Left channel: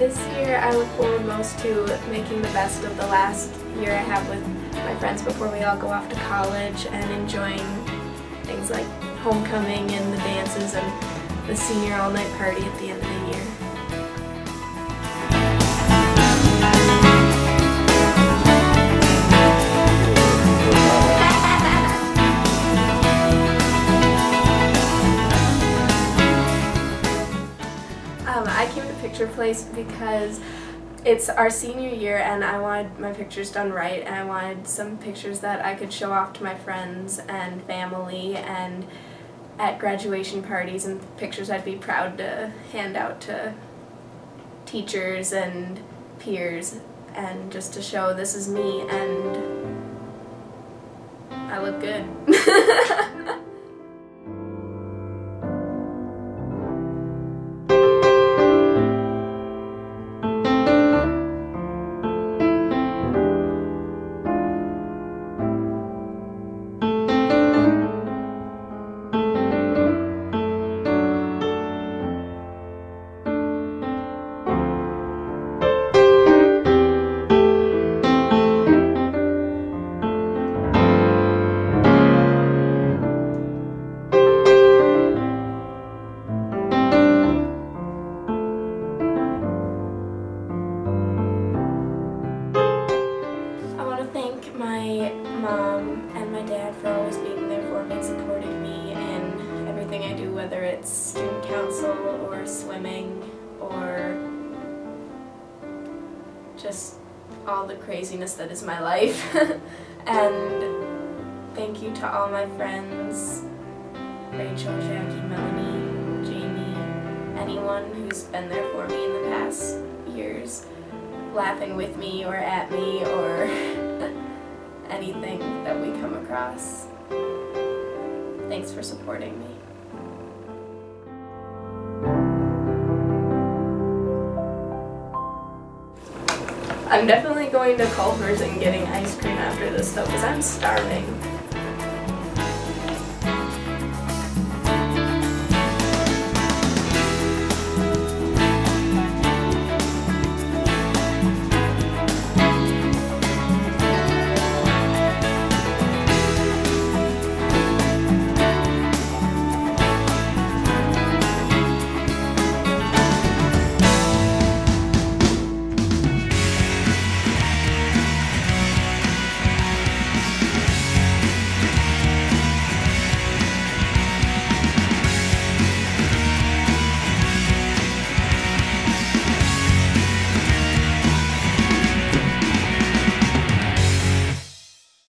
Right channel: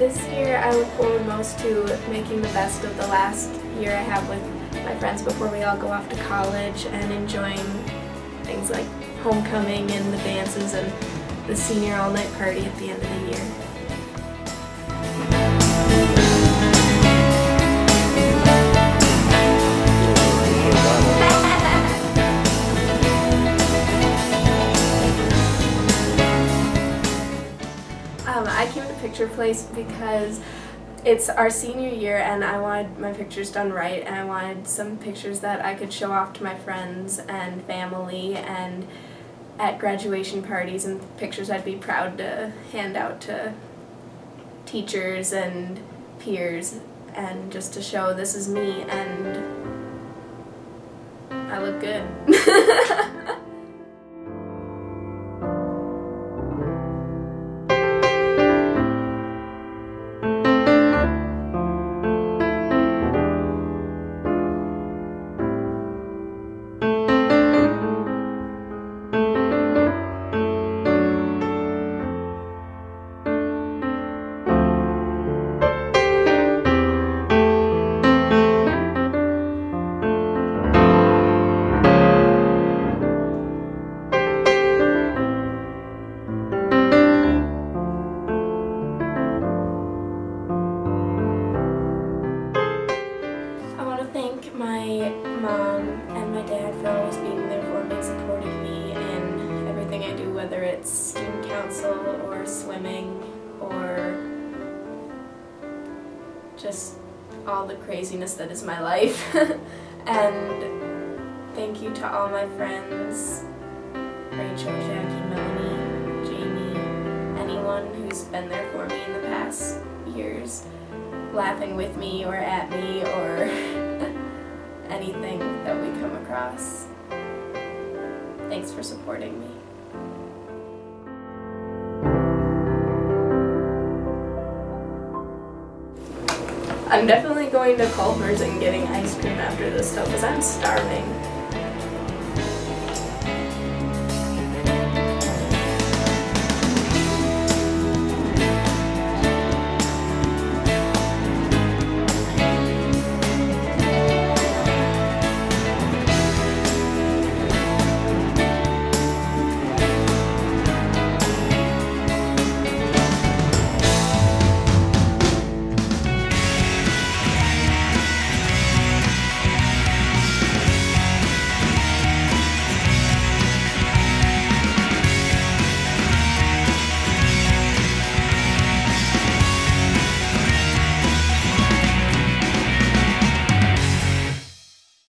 This year I look forward most to making the best of the last year I have with my friends before we all go off to college, and enjoying things like homecoming and the dances and the senior all-night party at the end of the year. I came to Picture Place because it's our senior year and I wanted my pictures done right, and I wanted some pictures that I could show off to my friends and family and at graduation parties, and pictures I'd be proud to hand out to teachers and peers, and just to show this is me and I look good. Thank my mom and my dad for always being there for me and supporting me in everything I do, whether it's student council or swimming or just all the craziness that is my life. And thank you to all my friends, Rachel, Jackie, Melanie, Jamie, anyone who's been there for me in the past years, laughing with me or at me or anything that we come across. Thanks for supporting me. I'm definitely going to Culver's and getting ice cream after this though, because I'm starving.